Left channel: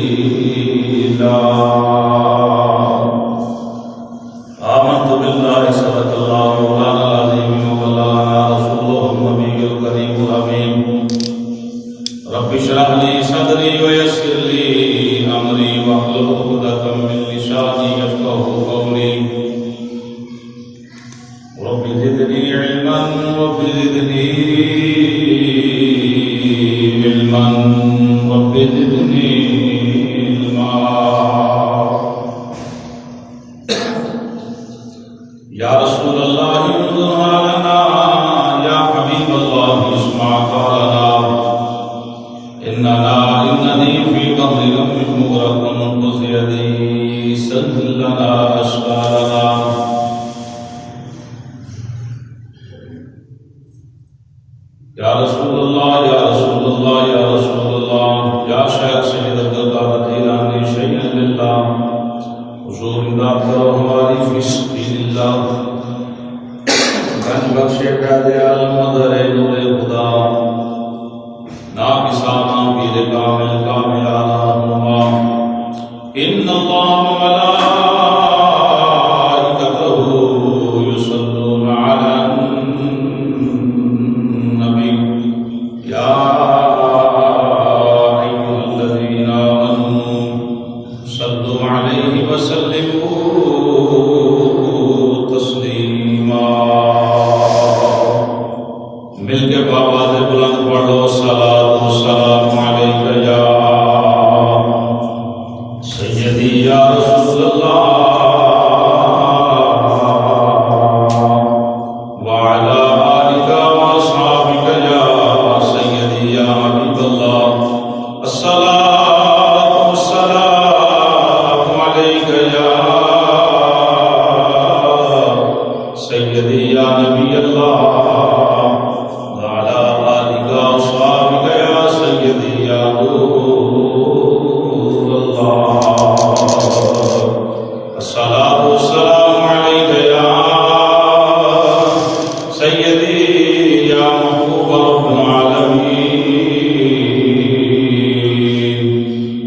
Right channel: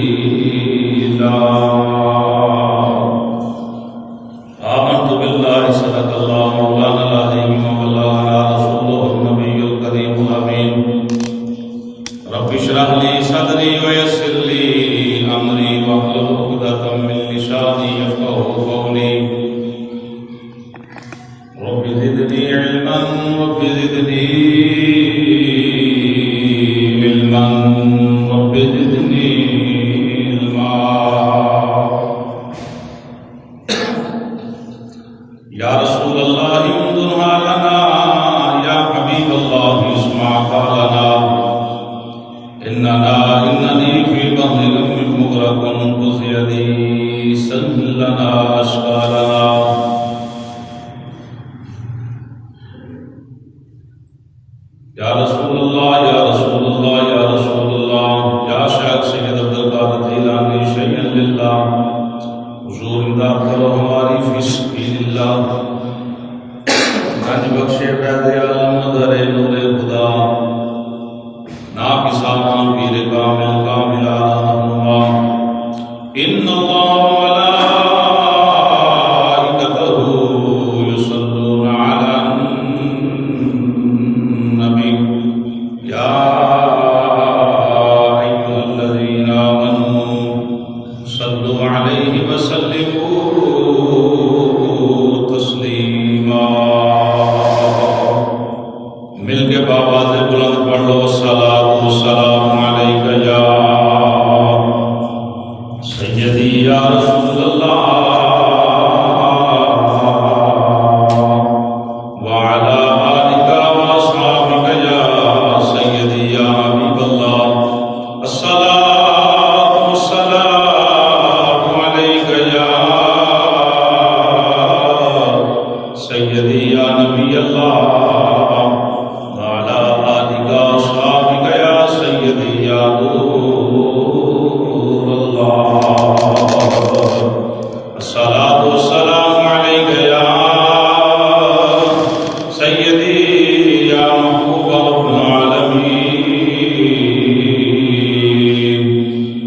دليلا آمنت بالله صدق الله مولانا العظيم وبلغنا رسوله النبي الكريم الأمين رب اشرح لي صدري ويسر لي أمري واحلل عقدة من لساني يفقهوا قولي رب زدني علما رب زدني علما رب زدني علما يا رسول الله انظر حالنا يا حبيب الله اسمع قالنا إنني في بحر غم مغرق خذ يدي سهل لنا أشغالنا يا رسول الله يا رسول الله يا رسول الله يا شیخ سید عبدالقادر جیلانی شیئا للہ حضور امداد کرو ہماری فی سبیل اللہ گنج بخشے فیض عالم مدر نور خدا ناکسانا پیر کامل کاملانا رہنما ان اللہ وملائکتہ یصلون علی النبی یا ایھا الذین آمنوا صلوا علیہ وسلموا تسلیما مل کے بآواز بلند پڑھ لو الصلاۃ والسلام علیک یا سیدی یا رسول اللہ وعلی آلک واصحابک یا سیدی یا حبیب اللہ الصلاۃ والسلام علیک یا سیدی یا نبی اللہ الصلاة والسلام عليك يا سيدي يا محبوب رب العالمين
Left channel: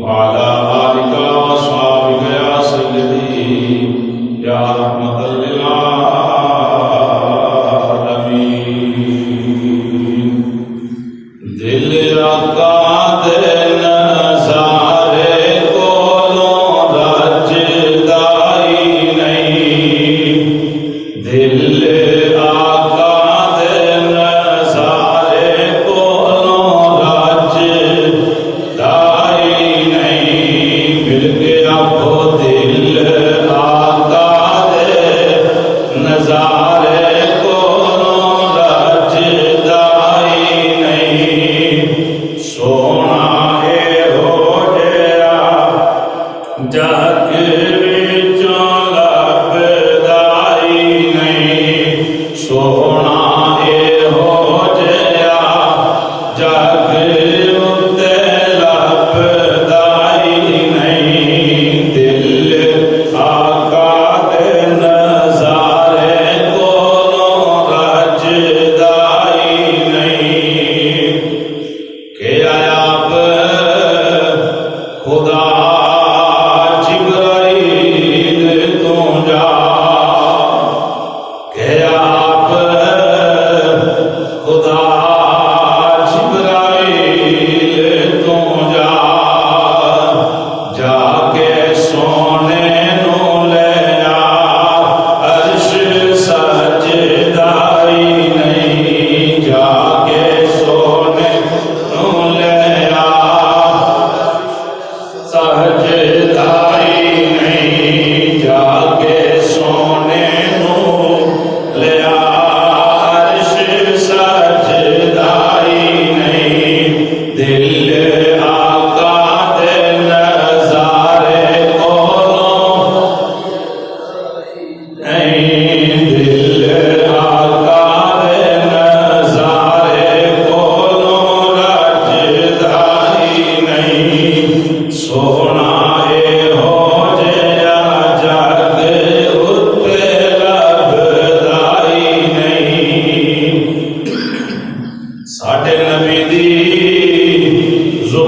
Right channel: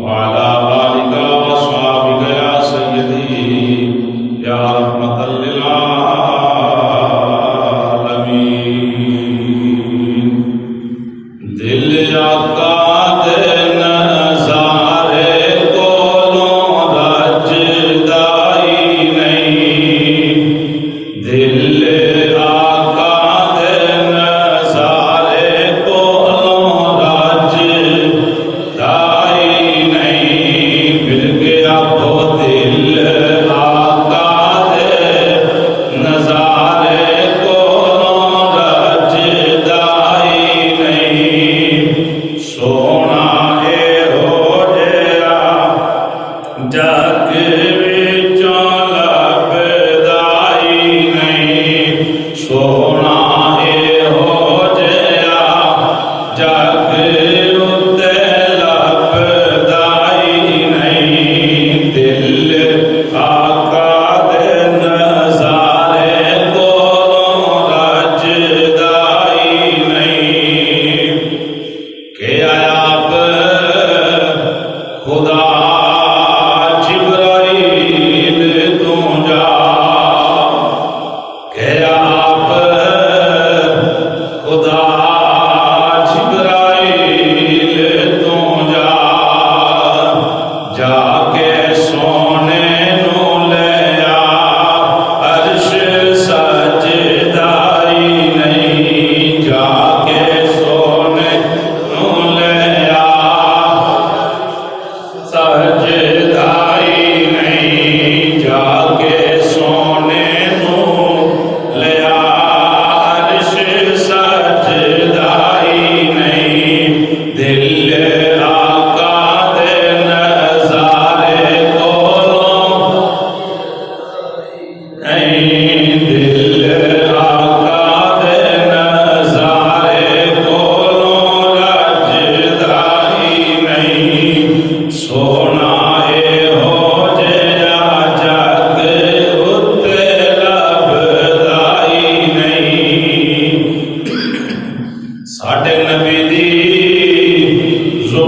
وعلى آلك وأصحابك يا سيدي يا رحمة للعالمين دل آقا دن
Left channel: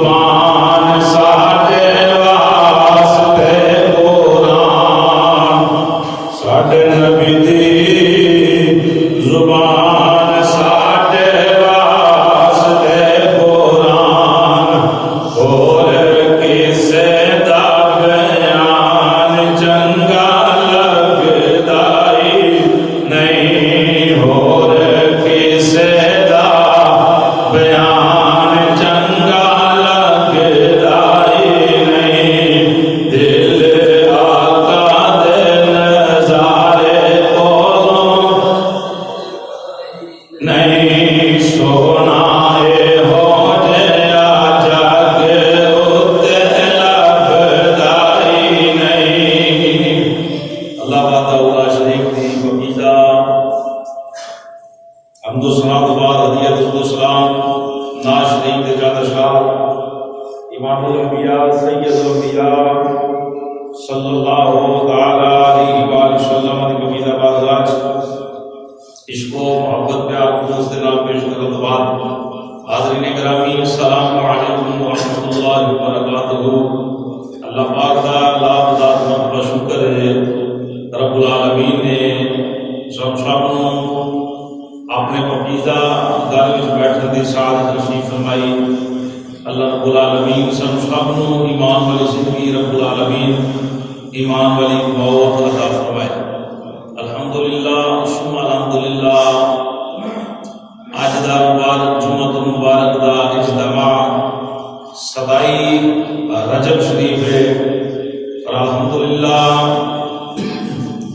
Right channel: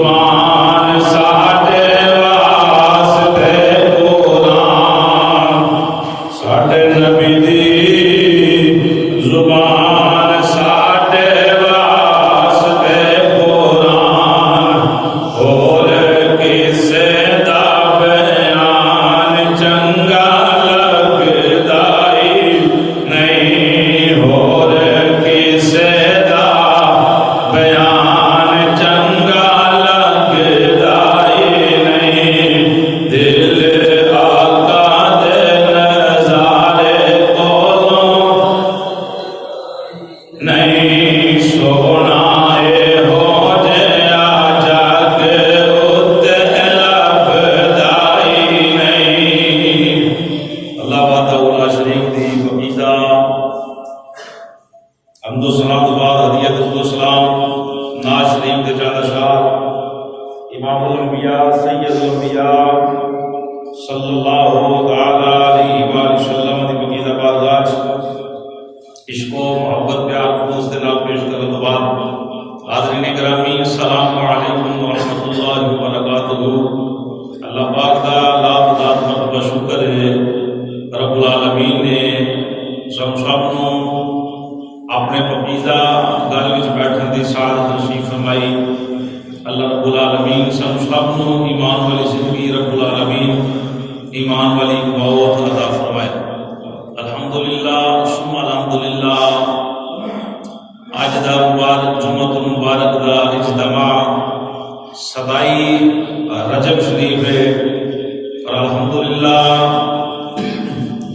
زبان ساڈے واسطے قرآن ساڈے نبی دی زبان ساڈے واسطے قرآن اور کسے دا بیان چنگا لگدا ہی نہیں اور کسے دا بیان چنگا لگدا ہی نہیں دل آقا دے نظارے کولوں نہیں سونا اے ہو جیا جگ اتے لبدا ہی نہیں۔ اللہ وحدہ لا شریک دی پاکیزہ حمد و ثنا تو بعد ہدیت و سلام ناز شریف دے چاند شاہ امام الانبیاء سید الانبیاء صلی اللہ تعالی علیہ وآلہ وسلم دی پاکیزہ بارگاہ عشق و محبت پیار خلوص دے نال پیش کرنے تو بعد حاضرین گرامی السلام علیکم ورحمۃ اللہ وبرکاتہ۔ اللہ پاک دا لاکھ مرتبہ شکر ہے رب العالمین نے سب نوں اپنے پاکیزہ گھر وچ بیٹھن دی سعادت نصیب فرمائی۔ اللہ رب العالمین سب نوں ایمان والی زندگی رب العالمین ایمان والی موت عطا فرمائے۔ الحمدللہ ثم الحمدللہ اج دا مبارک جمعۃ المبارک دا اجتماع 27 رجب شریف ہے اور الحمدللہ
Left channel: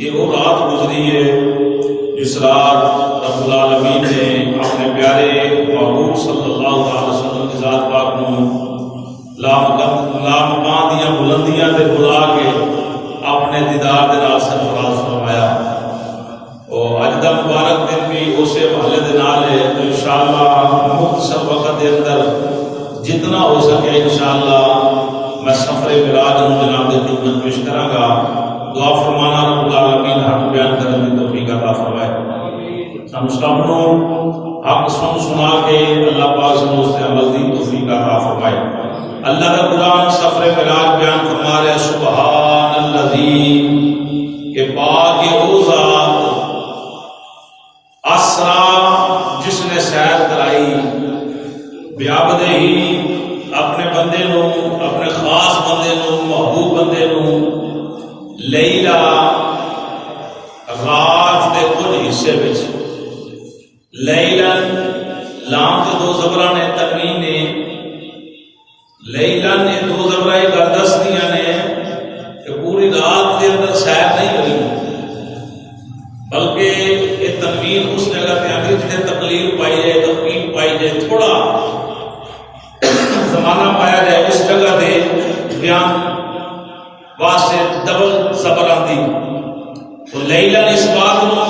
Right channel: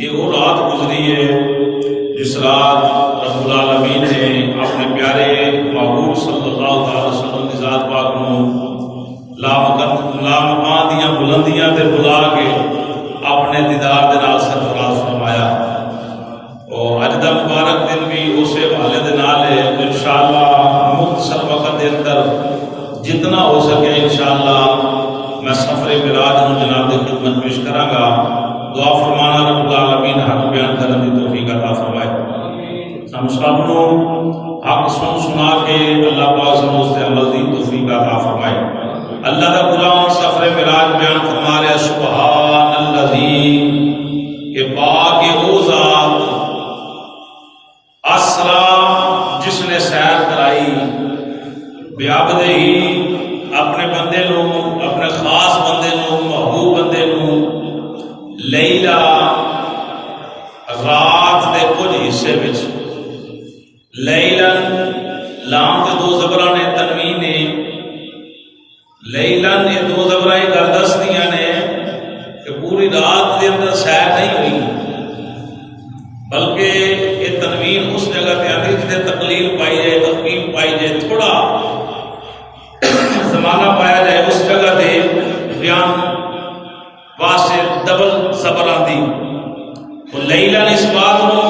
یہ وہ رات گزری ہے جس رات رب العالمین نے اپنے پیارے محبوب صلی اللہ علیہ وسلم کی ذات پاک نو لامکان دیاں بلندیاں تے بلا کے اپنے دیدار دے نال سرفراز فرمایا۔ اور اج دا مبارک دن بھی اسی حوالے دے نال ہے تو انشاءاللہ مختصر وقت دے اندر جتنا ہو سکے انشاءاللہ میں سفر معراج نو جناب دی خدمت پیش کراں گا۔ دعا فرمانا رب العالمین حق بیان کرنے کی توفیق عطا فرمائے۔ ہم سب نو حق سنا کے اللہ پاک سے اس تے عمل دی توفیق عطا فرمائے۔ اللہ کا قرآن سفر معراج بیان فرما رہا ہے سبحان الذی کہ پاک وہ ذات اسرا جس نے سیر کرائی بیابدہ ہی اپنے بندے نو اپنے خاص بندے نو محبوب بندے نو لیلا رات دے کچھ حصے وچ لیلن لام تے دو زبراں نے تنوین نے لیلن یہ دو زبراں گل دسدیاں نے کہ پوری رات دے اندر سیر نہیں ہوئی بلکہ یہ تنوین اس جگہ تے آندی جتے تقلیل پائی جائے تخفیف پائی جائے تھوڑا زمانہ پایا جائے اس جگہ تے بیان واسطے ڈبل زبر آندی تو لیلن اس بات نو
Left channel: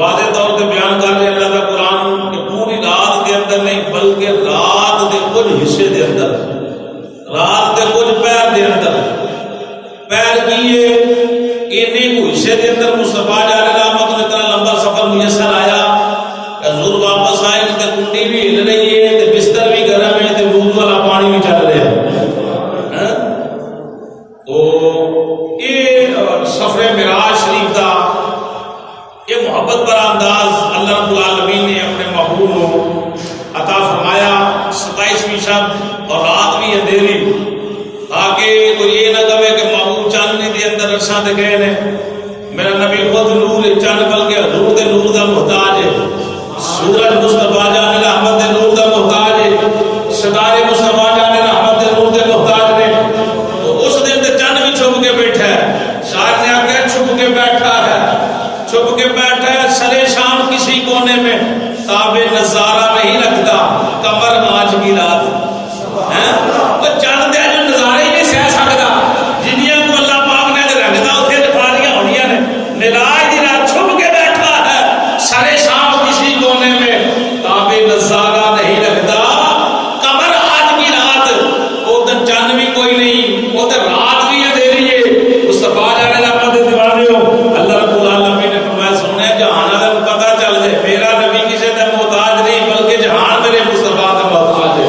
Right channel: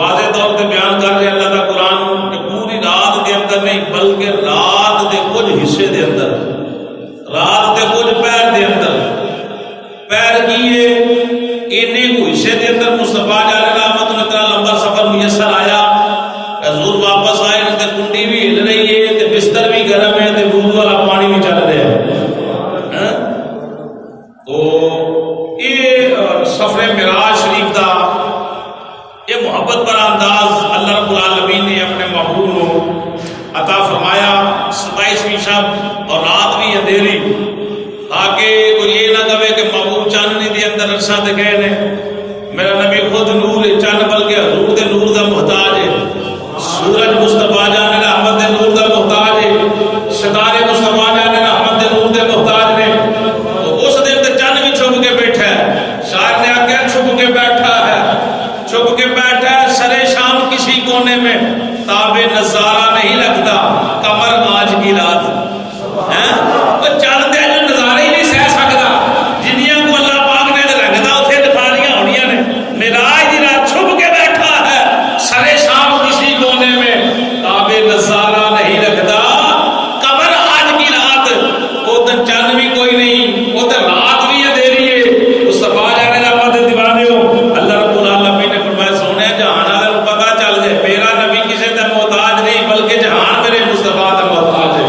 واضح طور پہ بیان کر رہے اللہ کا قرآن کہ پوری رات کے اندر نہیں بلکہ رات کے کچھ حصے دے اندر رات کے کچھ پیر دے اندر پیر کیے اینے کو حصے دے اندر مصطفیٰ جا رہا رحمت نے اتنا لمبا سفر میسر آیا حضور واپس آئے تے کنڈی بھی ہل رہی ہے تے بستر بھی گرم ہے تے وضو والا پانی بھی چل رہا ہے۔ تو یہ سفر معراج شریف دا یہ محبت پر انداز اللہ رب العالمین نے اپنے محبوب کو عطا فرمایا۔ 27ویں شب اور رات بھی اندھیری تاکہ کوئی یہ نہ کہے کہ محبوب چاندنی دے اندر عرصاں تے گئے نے میرا نبی خود نور ہے چاند بلکہ حضور دے نور دا محتاج ہے سورج مصطفیٰ جان رحمت دے نور دا محتاج ہے ستارے مصطفیٰ جان رحمت دے نور دے محتاج نے تو اس دن تے چاند بھی چھپ کے بیٹھا ہے شاعر نے آکھا چھپ کے بیٹھا ہے سرے شام کسی کونے میں تاب نظارہ نہیں رکھتا قمر آج کی رات چند دے جو نظارے ہی نہیں سہ سکتا جنیاں کو اللہ پاک نے رکھتا اتنے دکھالیاں ہونیاں نے معراج دی رات چھپ کے بیٹھا ہے سرے شام کسی کونے میں تاب نظارہ نہیں رکھتا قمر آج کی رات وہ تو چند بھی کوئی نہیں وہ تو رات بھی اندھیری ہے مصطفیٰ جانے لگا دے دیوانے ہو اللہ رب العالمین نے فرمایا سونے جہان والے کو پتہ چل جائے میرا نبی کسی تے محتاج نہیں بلکہ جہان میرے مصطفیٰ تے محتاج ہے۔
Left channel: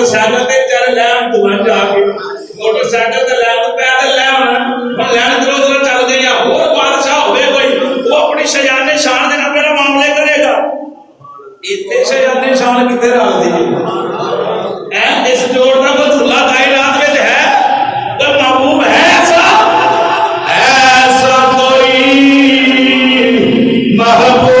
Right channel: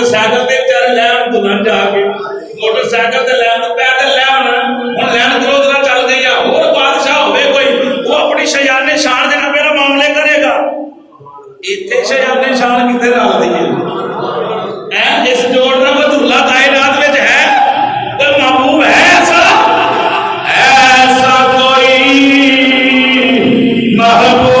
موٹر سائیکل تے بیچارے لے آن دلہن جا کے موٹر سائیکل تے لے آن پیدل لے آن ہن لین گروز نہ چل گئی ہور بادشاہ ہوے کوئی وہ اپنی شیان شان دے نال میرا معاملے کرے گا ایتھے شیان شان کتے رل دی ہے اس جوڑ دا کوئی دھلا کائنات وچ ہے کوئی محبوب ہے ایسا کوئی محبوب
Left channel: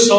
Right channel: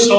100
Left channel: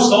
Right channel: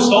100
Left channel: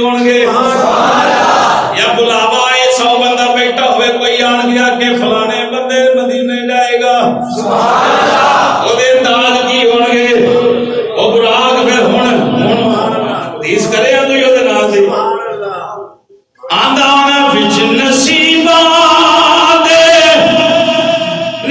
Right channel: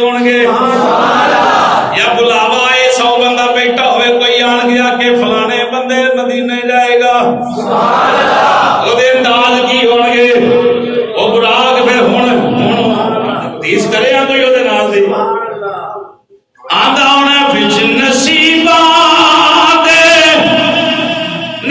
ہون گے یا بلاوا ہے 100 بندہ بیٹھا ہوئے کوئی آن گیا کہ فلانے بندے مدینے جائے گا وہ دے انداز کی ہون گے وہ براق پھر ہون حدیث کرے ہیں کوئی وہ دے نال دی آندہ ہونا بچ نصیبہ مدینہ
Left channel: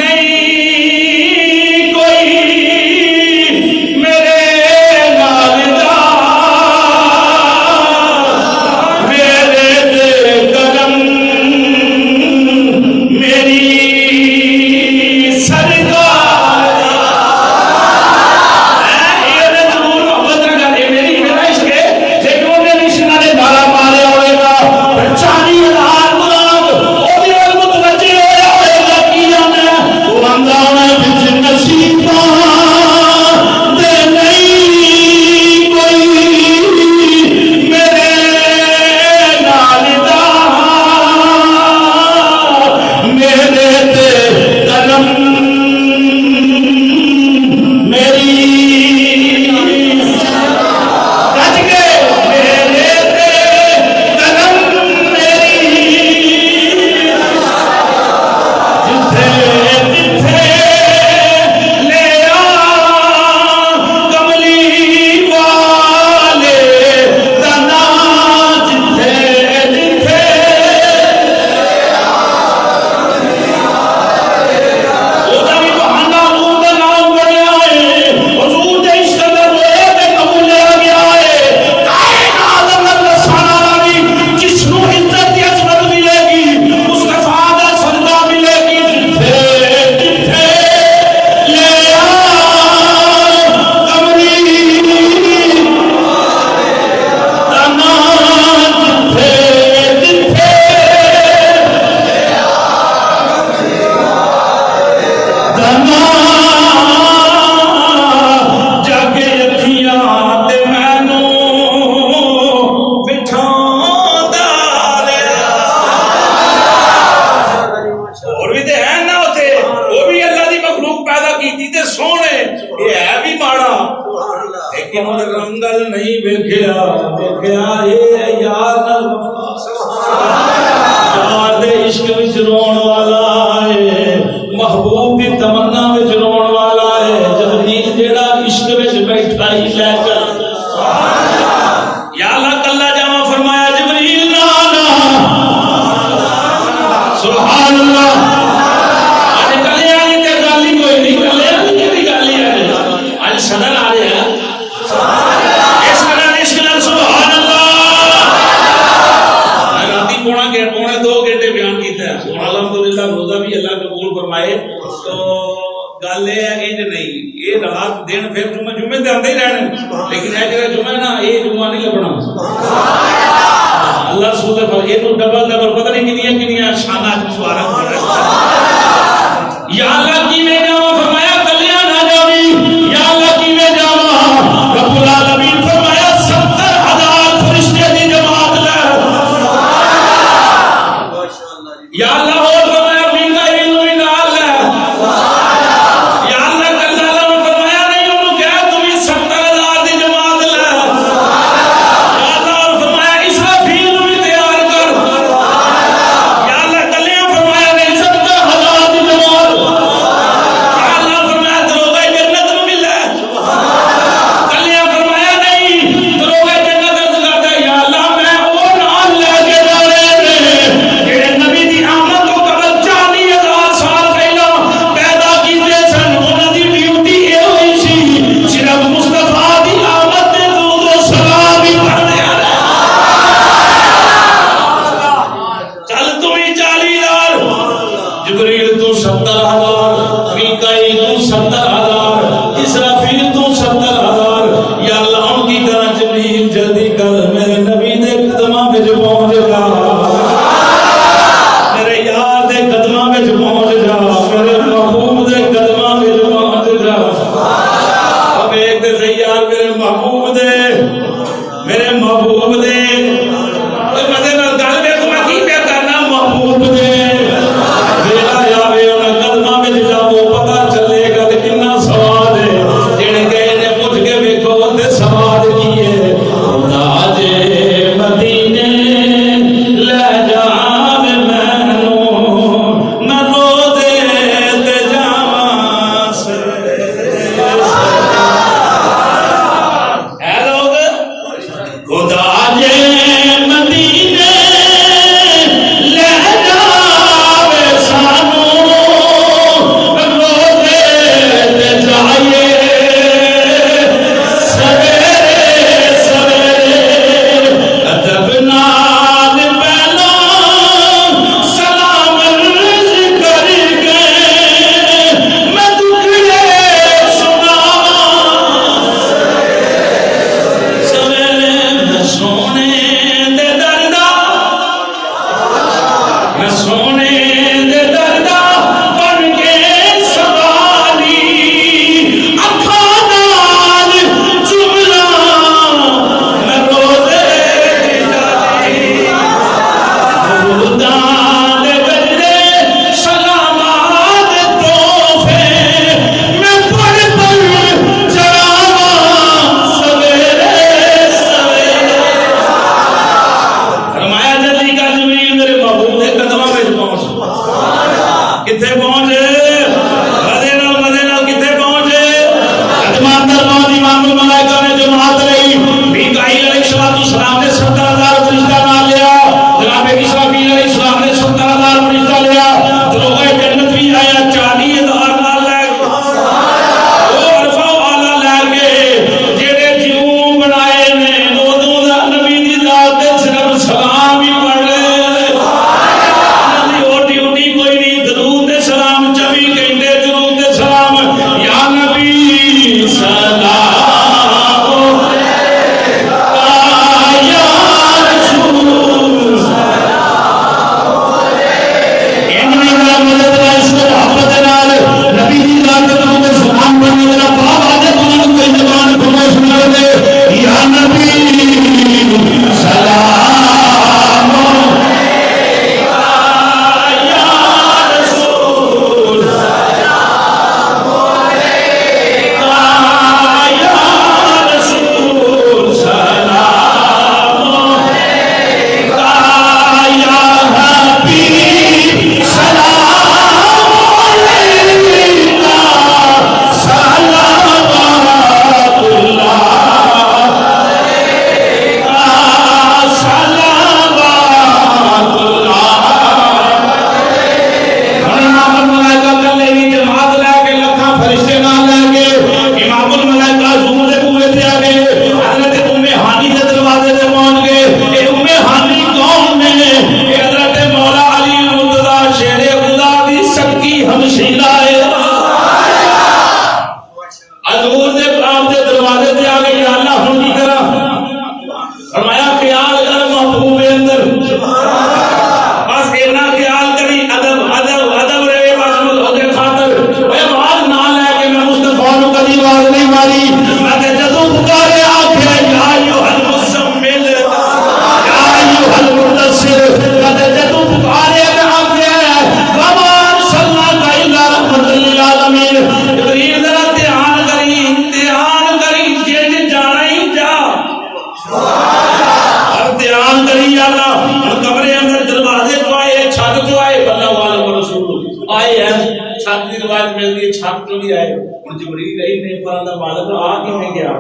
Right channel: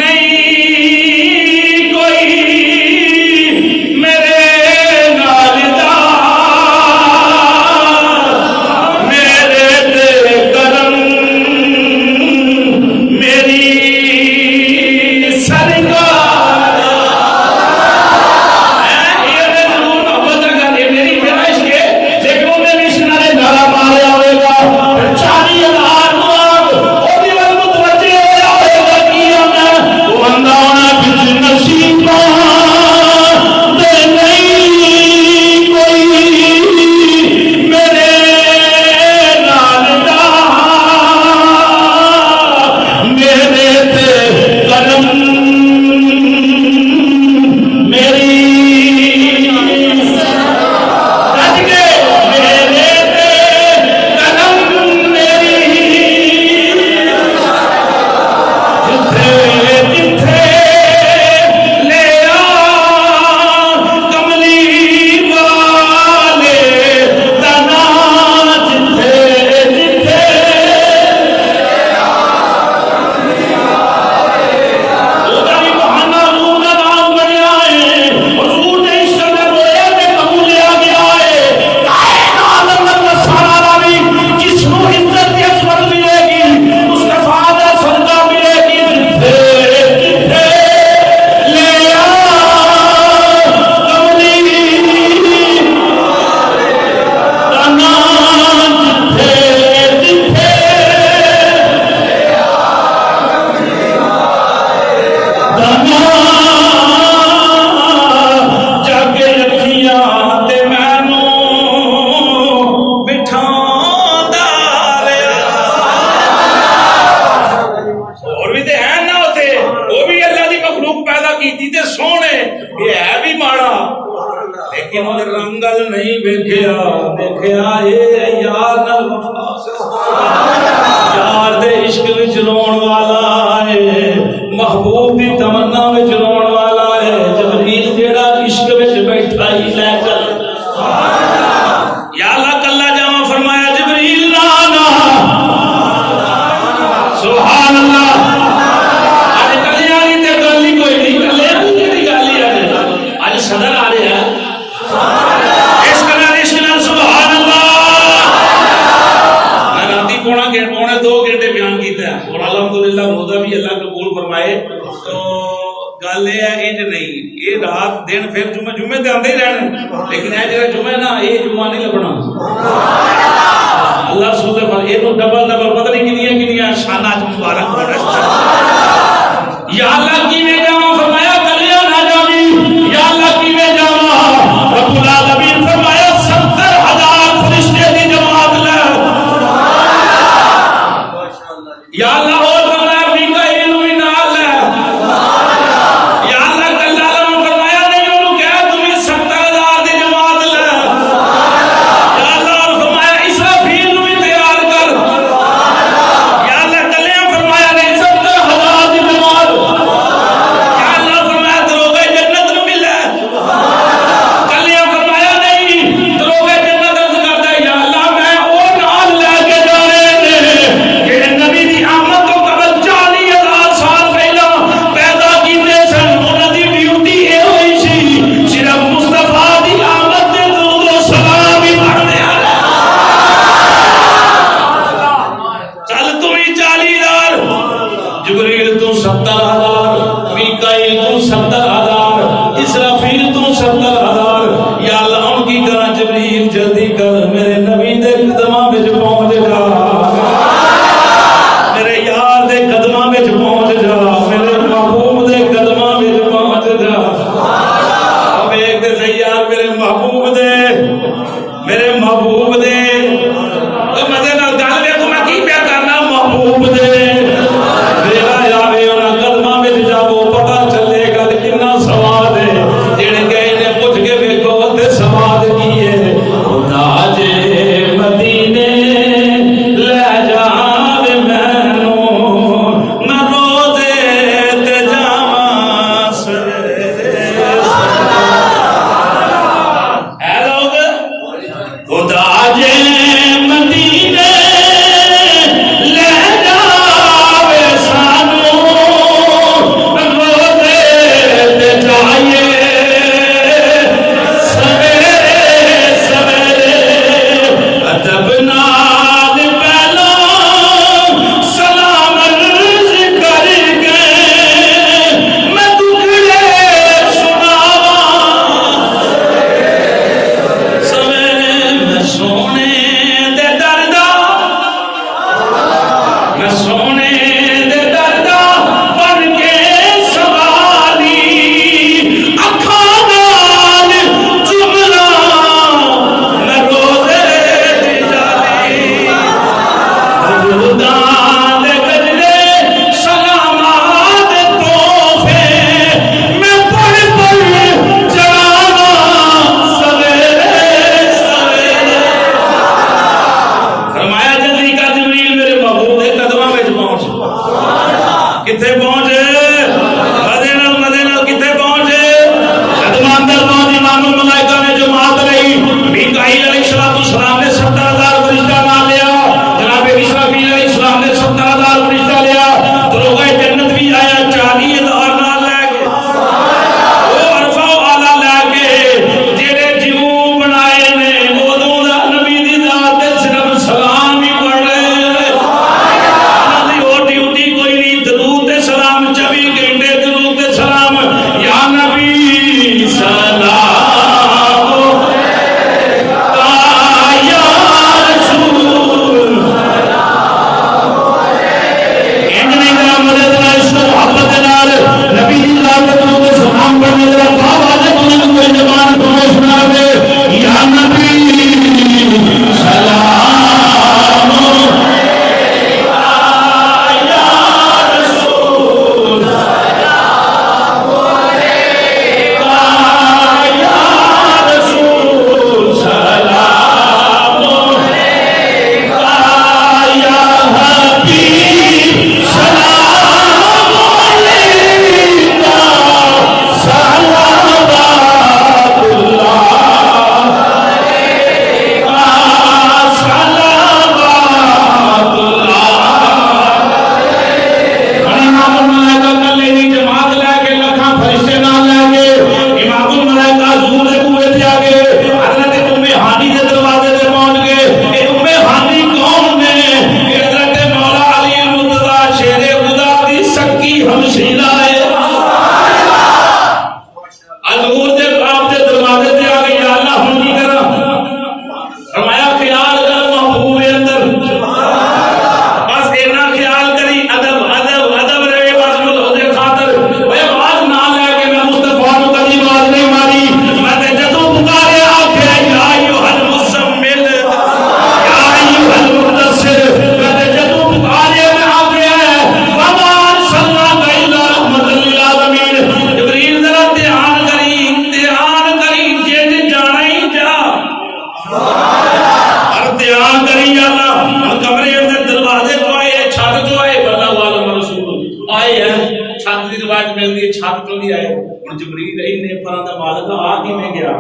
جلدی چھت تو بھی آئے اور جبریل انہیں پرندہ مالک آگی میں گیا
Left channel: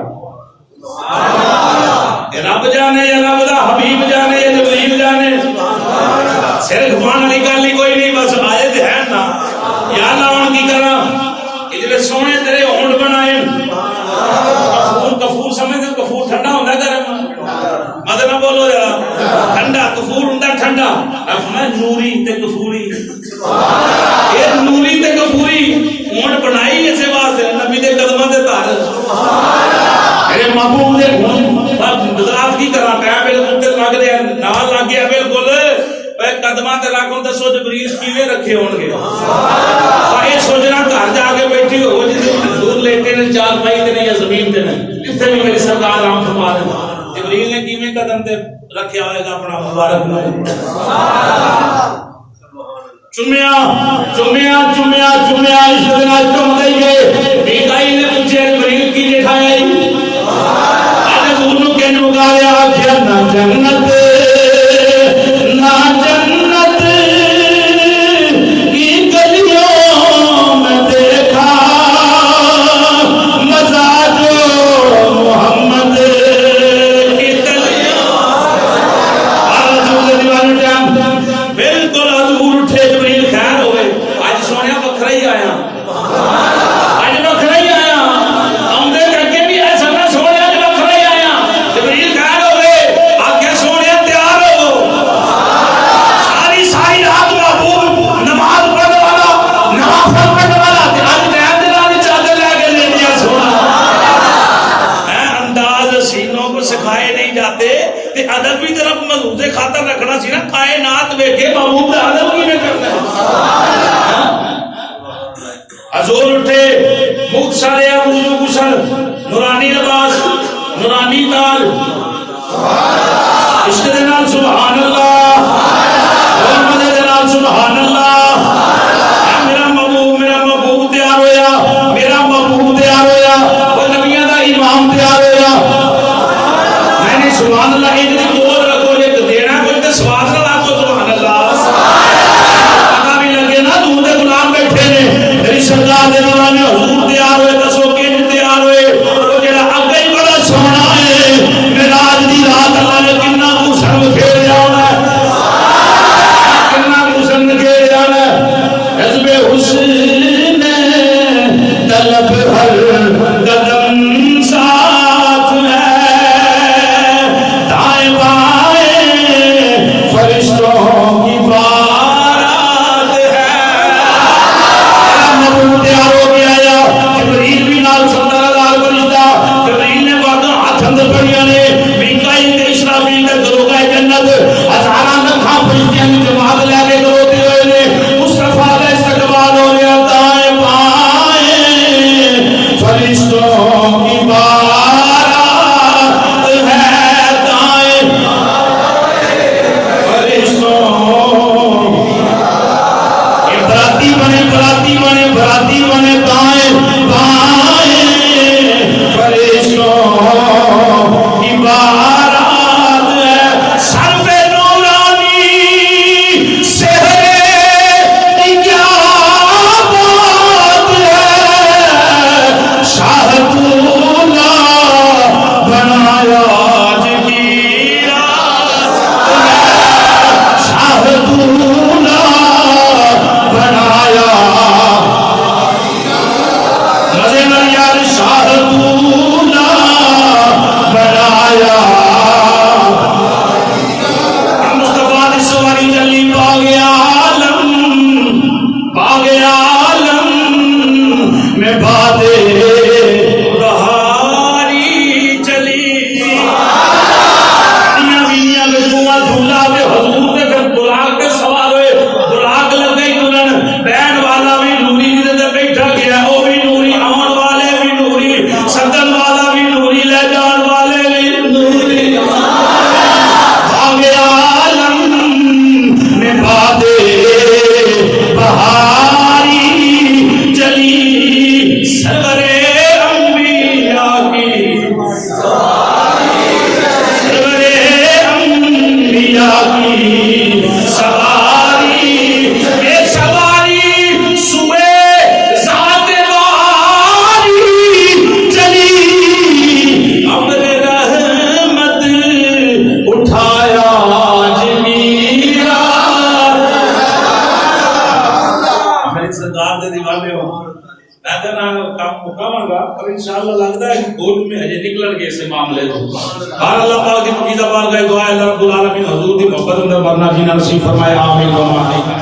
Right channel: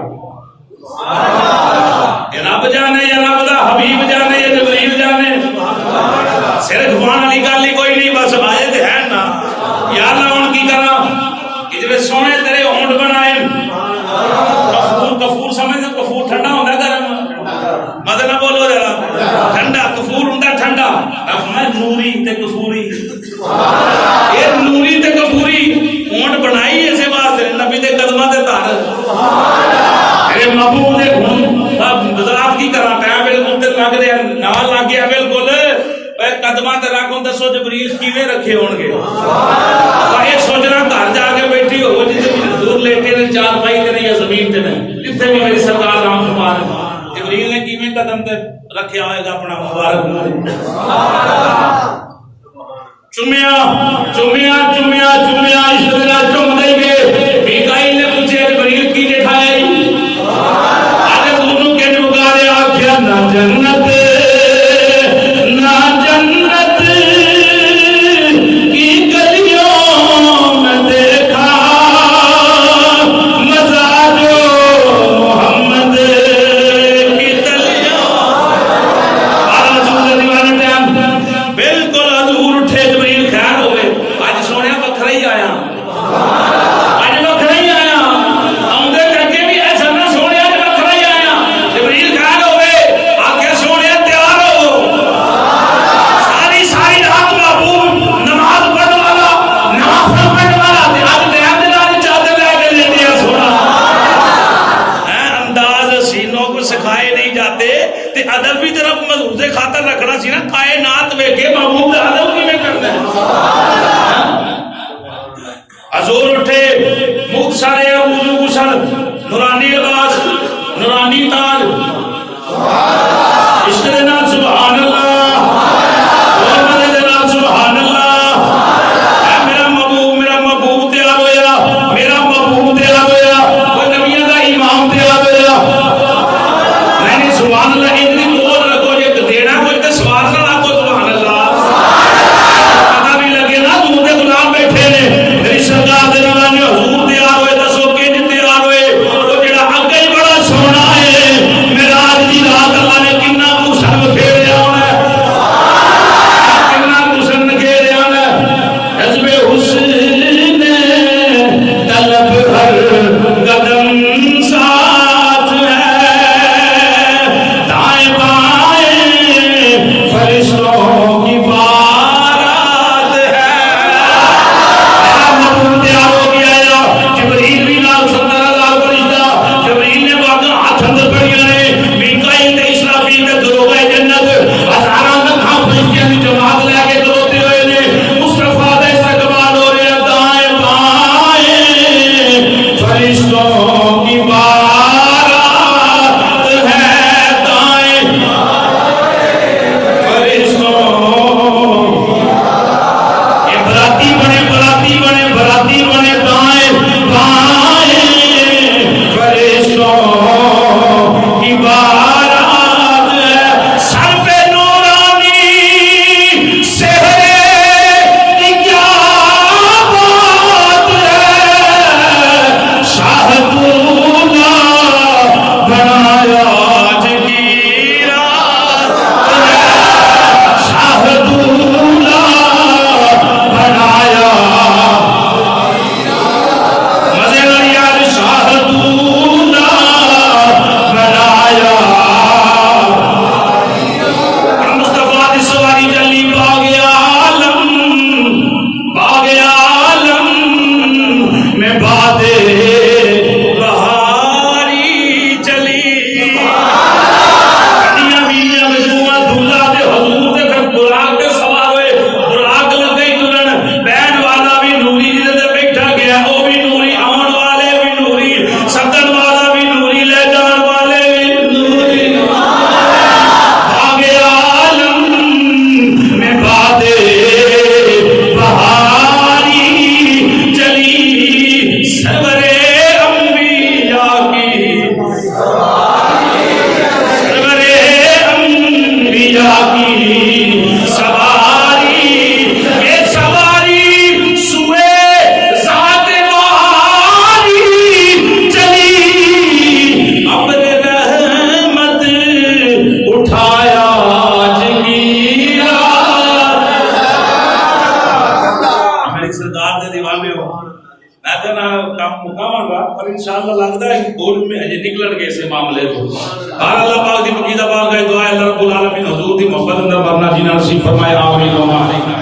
رب جانے یا رب دا حبیب جانے یا جبریل جانے صرف زبان علی گل ہی کوئی نہیں بس آئے تے ہیں نا یا اللہ ہن کی کراں کہ جے سونے تیرے ہونٹ بنائے کفور سمجھ کفور ٹھنڈا ہوندا گرم مدد نہ بولو ذرا ٹھنڈا کفور ہوندا ٹھنڈا اب میں نوری تے کفوری اے نوری تے کفوری ہونٹ بنائی اسے واسطے نبی دے قدماں تے تار میرے محبوب نے بذات کی کرا پیا بالکل تے لگ دے نہ لگ گیا بالکل قدماں تے رکھوں دسو جبریل کیویں رکھے ہون گے اے سوچنا گھر جا کے بیٹھی ہو جسے دور لیٹے نے چار پائی تے نہیں یا زمین تے نہیں جتھے بھی میری سرکار رام فرما رہے جبریل نے کیویں قدم تے رکھیا ہوئے گا اپنا مبارک منہ چومیا چومیا چومیا چومیا عشق نال چوم دئیے میکائیل نے پوچھا جبریل کی دکھایا اج حضور نو کہن مگاریا آکھیا نہ جنت نہ جنت کی گلیوں میں دیکھا مزہ جو محمد کی تلیوں اور حضور دیوانے ٹائم بالکل حضور اٹھے جبریل خیر ہوئے اج سونے وکھرا ہی آیا اج وکھرا ہی آیا آؤندے اگے بھی ایسا نہ سونے اج وکھرا ہی آیا جبریل خیر ہوئے آکھے سونے تیار ہو ساری ساری رات محبوب نماز پڑھنے والا نوافل پڑھنے والا تے اج ٹائم دے نال چادر لے کے دے دیا سونا انداز سینوں کو سکھائے نہیں جاتے تے ادب بھی طرف محفوظ خاطر رکھنا سی نا کائنات ویکھے محبوب دا ادب کیویں کرنا ہے حضور اٹھے مختصر وضو غسل نورانی لباس نورانی تاج عشق دے نال سبحان اللہ اور مدد دے نال سبحان اللہ اے میرا محبوب تیار ہویا میرا محبوب تیار ہویا وہ نبیوں دا امام تیار ہویا نہیں سبحان اللہ ان دی بول رکھو جے دینا کچھ تے سواد نہ آکو سبحان اللہ پتہ بھی لگے نا دور دے غلام بیٹھے نے میری سرکار دے دیوانے حضور تیار ہوئے دسو کہ تیار ہوئے وہ جڑا اگے ہی بڑا سونا ہے معراج دی رات اللہ نے کتنا کو شرم پھیریا ہونا ہے کتنا کو شرم پھیریا ہونا ہے حزب حسن طلب ہر قدم ساتھ ہے دائیں پر انشاءاللہ لگتا ہے کہ بورڈ میں ہجے نکلن گے اسے معاملے کو. ہر اللہ پاک دی پقیدہ پاک ہے دعا ہے اللہ رب العالمین حضور دی محبت اندر مرنا جینا نصیب فرمائے. آمین و آمین.